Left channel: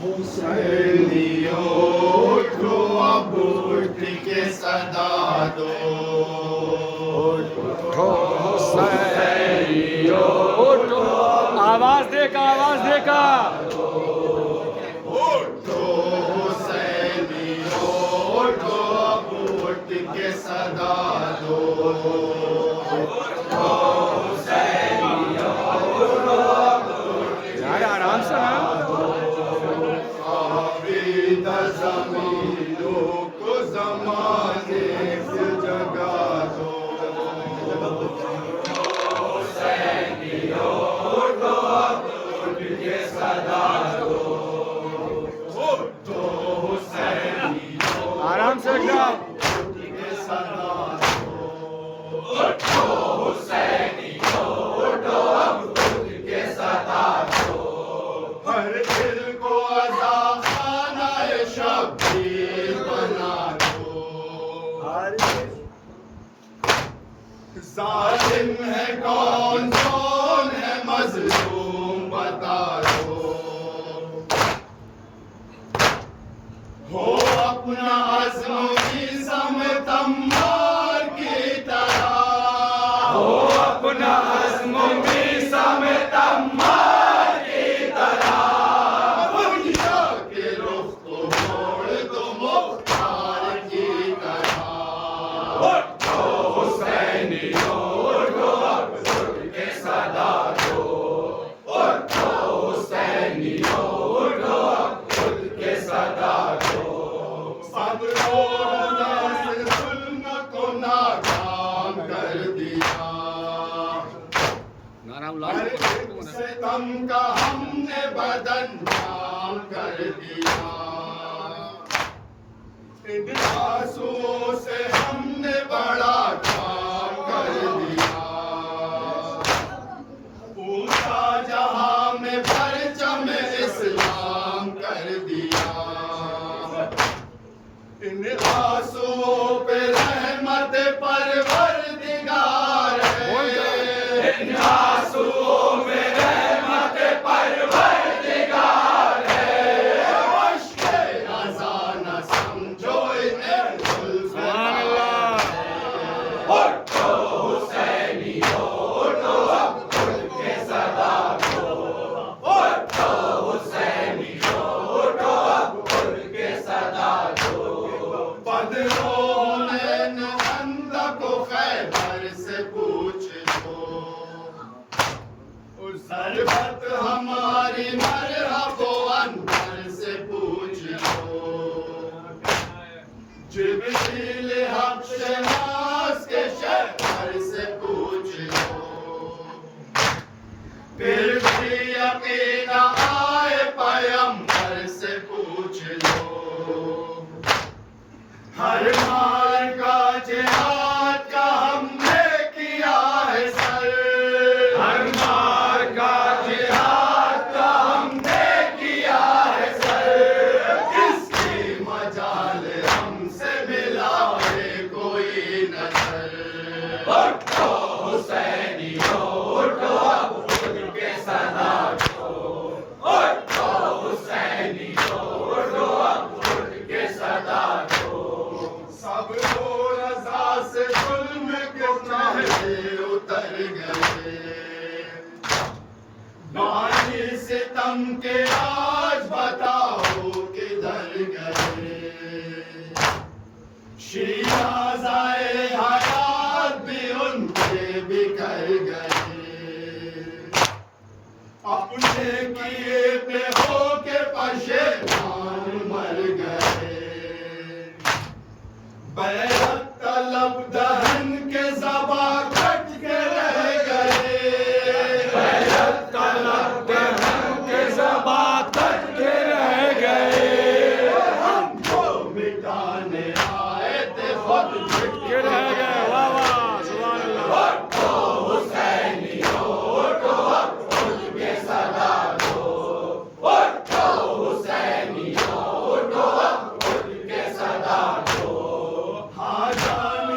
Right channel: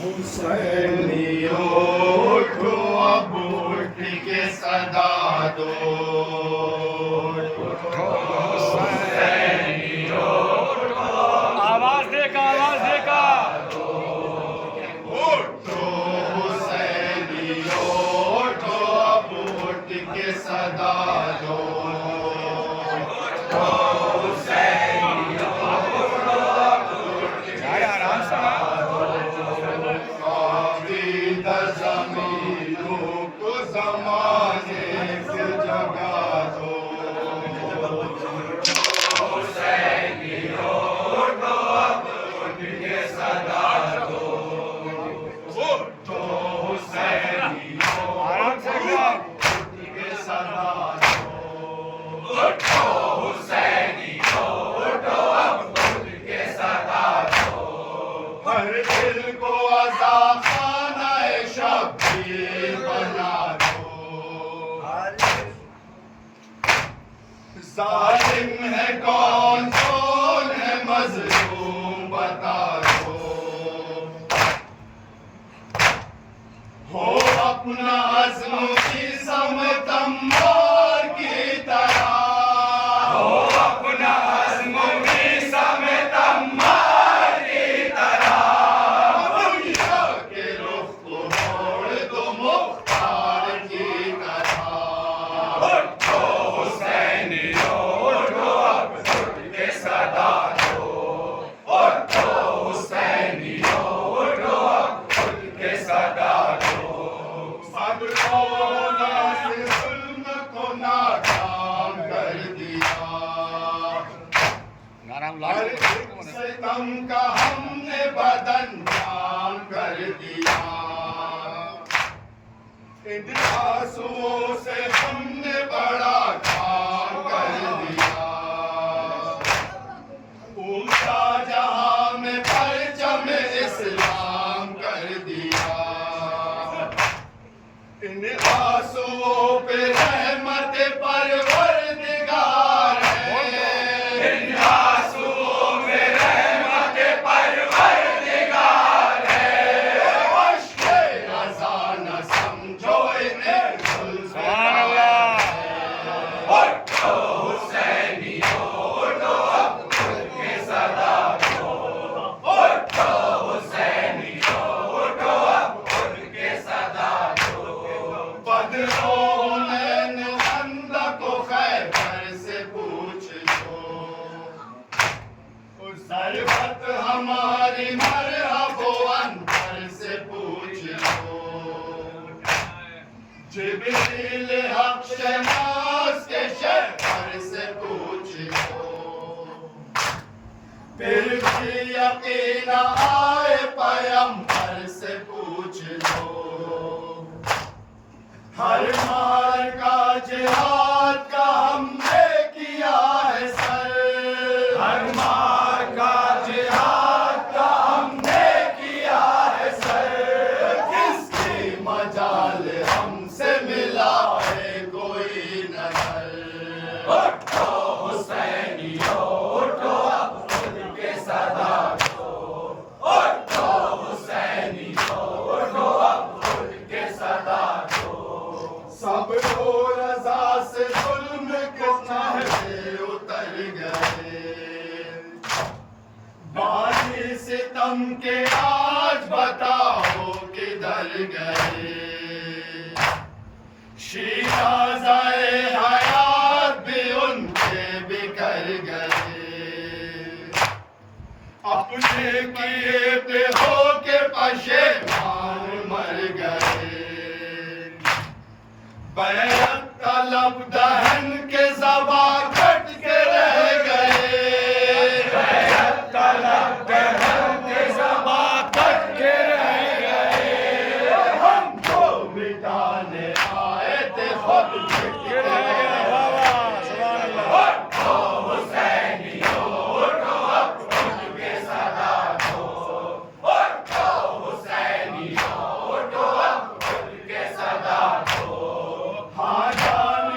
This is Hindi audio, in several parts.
हुसैनियों उठो अब उठ के सदा दो। उठो हुसैनियों उठो, आवाज देगा उठो हुसैनियों उठो अब उठ के सदा दो। आराम से ज़मीनों को ज़माने से जगा दो। हुसैनियों उठो अब उठ के सदा दो। उठो हुसैनियों आराम से उठ के सदा दो। उठो हुसैनियों उठो अब उठ के सदा दो। हर दिल को अज़ाख़ाना-ए शब्बीर बना दो। ज़ालिम है कौन है मज़लूम बता दो। हो अपना अज़्म की समत अम्मार की तरह। हो अपना अज़्म की समत अम्मार की तरह। दुनिया के रुख को मोड़ दो मुख्तार की तरह। उठो हुसैनियों उठो अब उठ के सदा दो। उठो हुसैनियों उठो अब उठ के सदा दो। सब लोगों से जुल्म को नाकाम कर दिया। नाराम हर सितम का हमने बदन जाम कर दिया। इन आंसुओं से हमने बड़ा काम कर दिया। ऊंचा जहां में परचम इस्लाम कर दिया। इन आंसुओं पे रहमत परवरदिगार है। इन आंसुओं में रहमत परवरदिगार है। मुश्के अज़ा न समझो इन्हें सुभान अल्लाह। उठो हुसैनियों उठो अब उठ के सदा दो। उठो हुसैनियों उठो अब उठ के सदा दो। बदलो नैन बंदा को खैबर से पूछ लो। उस ज़रबत हमारी मरहबो अंदर से पूछ लो। जिब्रील हक़ शनास के शहर से पूछ लो। फिर भी यकीन आए पैगंबर से पूछ लो। हर मार का जिहाद का हमने किया है सर। हर मार का जिहाद का हमने किया है सर। किसकी मजाल हमसे मिला है कोई नजर। उठो हुसैनियों उठो अब उठ के सदा दो। उठो हुसैनियों उठो अब उठ के सदा दो। सब लोग रज़ा से जुल्म के चाहे उतर गए। बानी सितम के आज बताओ किधर गए। शीराज़ाए हयात भी उनके बिखर गए। अपने किए पे हो के पशेमान मर गए। बैरत तलब दहन के ज़बा कट के रह गए। बैरत तलब दहन के ज़बा कट के रह गए। हमको मिटाने आए थे खुद कट के रह गए। वाह वाह सुभान अल्लाह। उठो हुसैनियों उठो अब उठ के सदा दो। उठो हुसैनियों उठो अब उठ के सदा दो। हाँ जान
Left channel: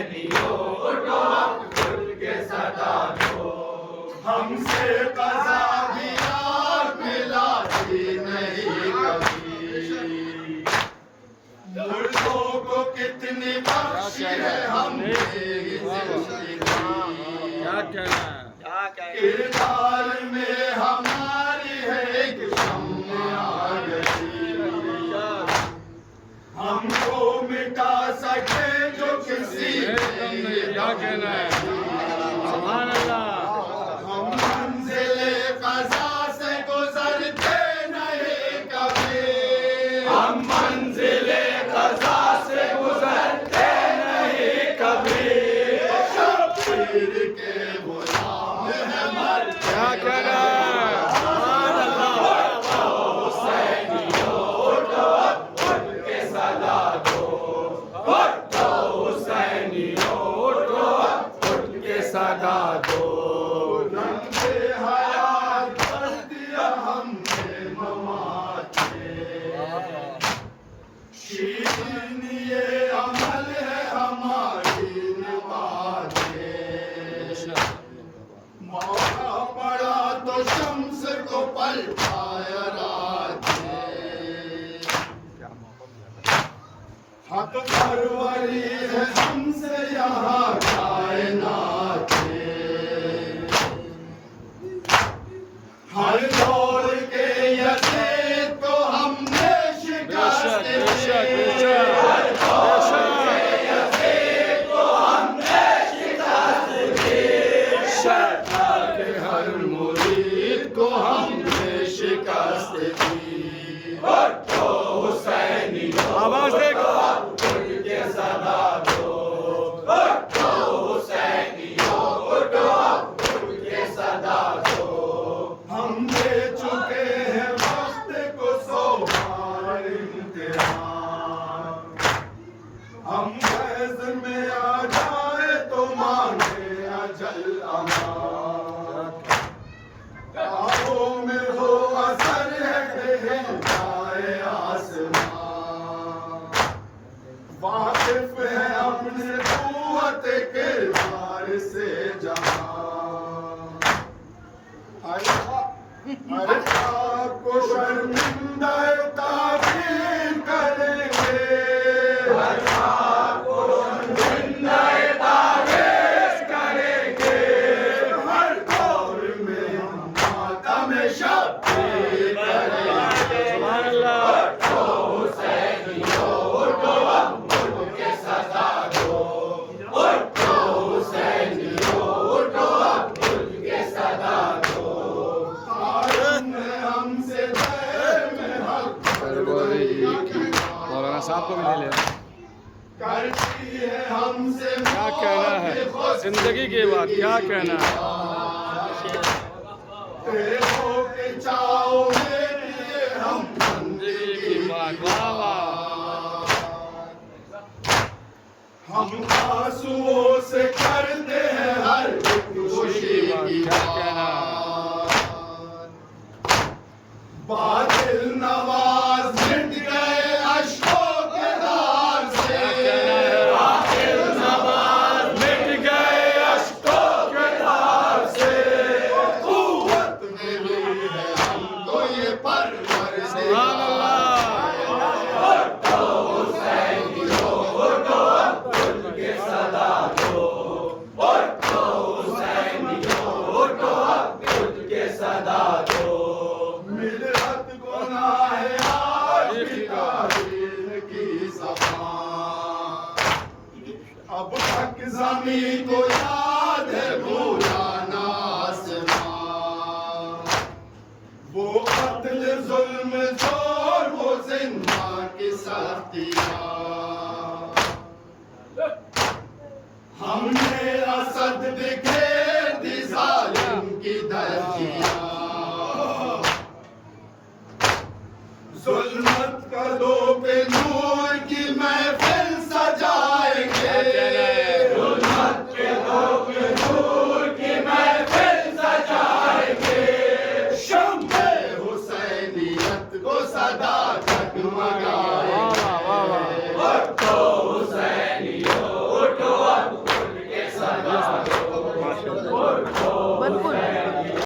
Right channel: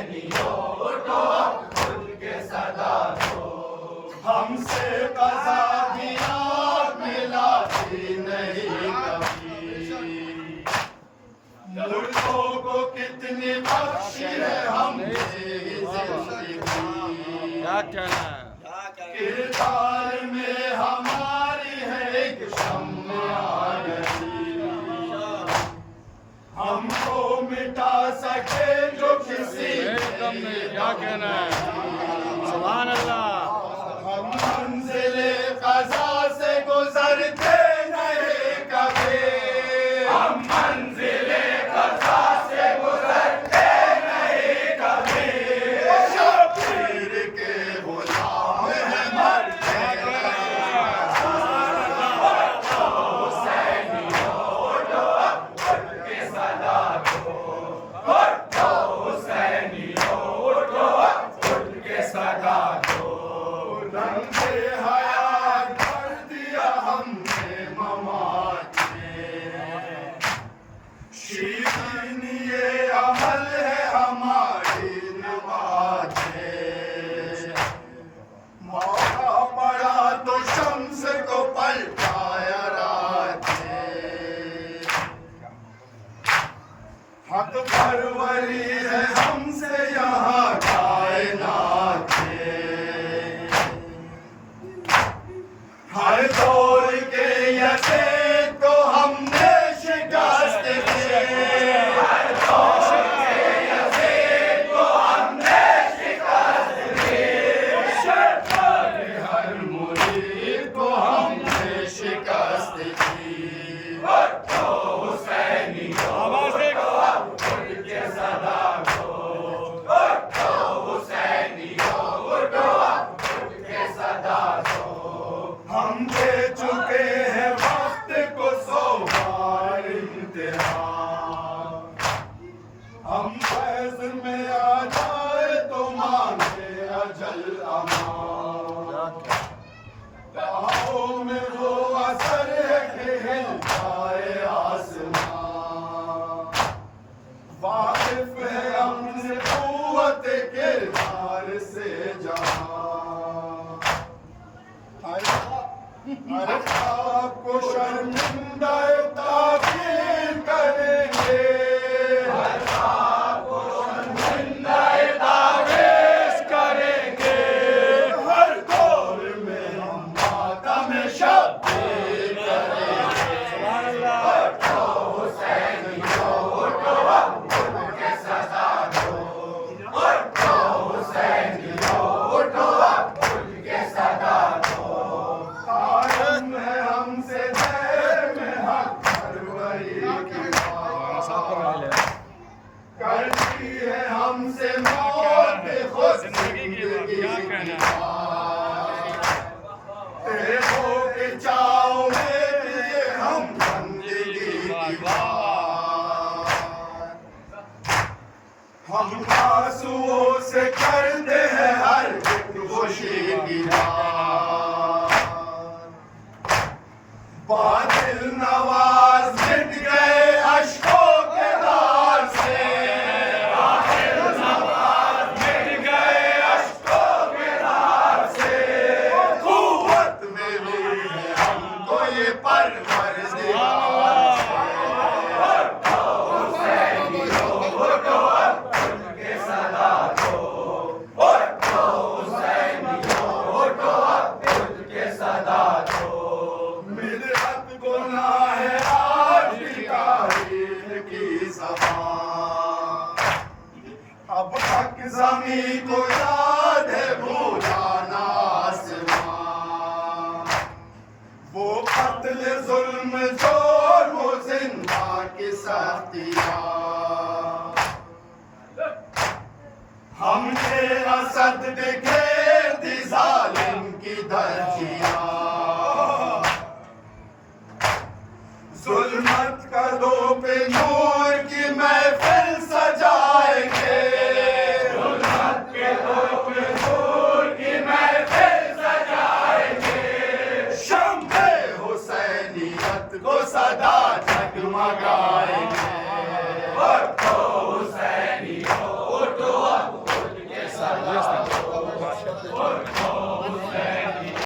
हुसैनियों उठो खुल के सदा दो हमसे कज़ा भी आप मिलाती नहीं कभी मुर्दों को कितनी बख्शी है हमने क्या कहना है? किरदार में हमारी है एक शम्मा आ गई हमको मिटा सके जो किसी कम नहीं, क्या कहना है? सुभान अल्लाह। हम मंजिले क़ज़ा से गुजरते नहीं कभी हम मंजिले क़ज़ा से गुजरते नहीं कभी शबीर के गुलाम है मर क्या कहना है? हुसैनियों उठो उठ के सदा दो उठो हुसैनियों उठो उठ के सदा दो रंगे हयात कर दिया हमने ममात शीरीन ये अमल है हमारी नवाज मौका पड़ा तो शम्स को पलटाया रात हक परवरी है हमसे यहाँ कायनात हर दौर के यसे तो हमने शिकस्त दी हर दौर के यसे तो हमने शिकस्त दी शर्मा के हर मुरीद को हमने शिकस्त दी और तो हुसैनियों आवाज दे। उठ के सदा दो और तो हुसैनियों उठो उठ के सदा दो हम दे चुके हैं वक्त को 100 बार इम्तिहान हम फैज में आ जाए तो मांगे अजल अमान बाहों में वो असर है कि हिल जाए आसमान वाकिफ है हमने कुव्वत किरदार से जहां हर आपको शर्मिंदा ताबीर करेंगे हर आपको शर्मिंदा ताबीर करेंगे हर दौर में हम मातम शब्बीर करेंगे सुभान अल्लाह। तो हुसैनियों उठो उठ के सदा दो उठो हुसैनियों उठो उठ के सदा दो हमसे में हक परवरी की मौलाना साहब को भी ले ले। करती है हमसे क्या कहना है? जिंदगी की बात क्या कहना है? तेरों के चाव में लिए हम बंदगी वाह वाह। हम आंसुओं से करते हैं हर एक खुशी की क्या कहना है? बादल नवाज मिट गए अश्कों के धार से बादल नवाज मिट गए अश्कों के धार से कुव्वत में भी है हमको ये परवरदिगार उठो हुसैनियों उठो उठ के सदा दो उठो हुसैनियों उठो उठ के सदा दो मिलत गुनाह है आशिका की ज़बान अब तक ज़मीं को याद है भूला ना आसमां वो कत्ल जुल्म जोर वो जिंदा की सख्तियाँ हमने असद बिखेर दी जालिम की धज्जियाँ जुल्मत कदों पे नूर की महफिल सजाएंगे जुल्मत कदों पे नूर की महफिल सजाएंगे शम्मे हुसैनियत को सदा जगमगा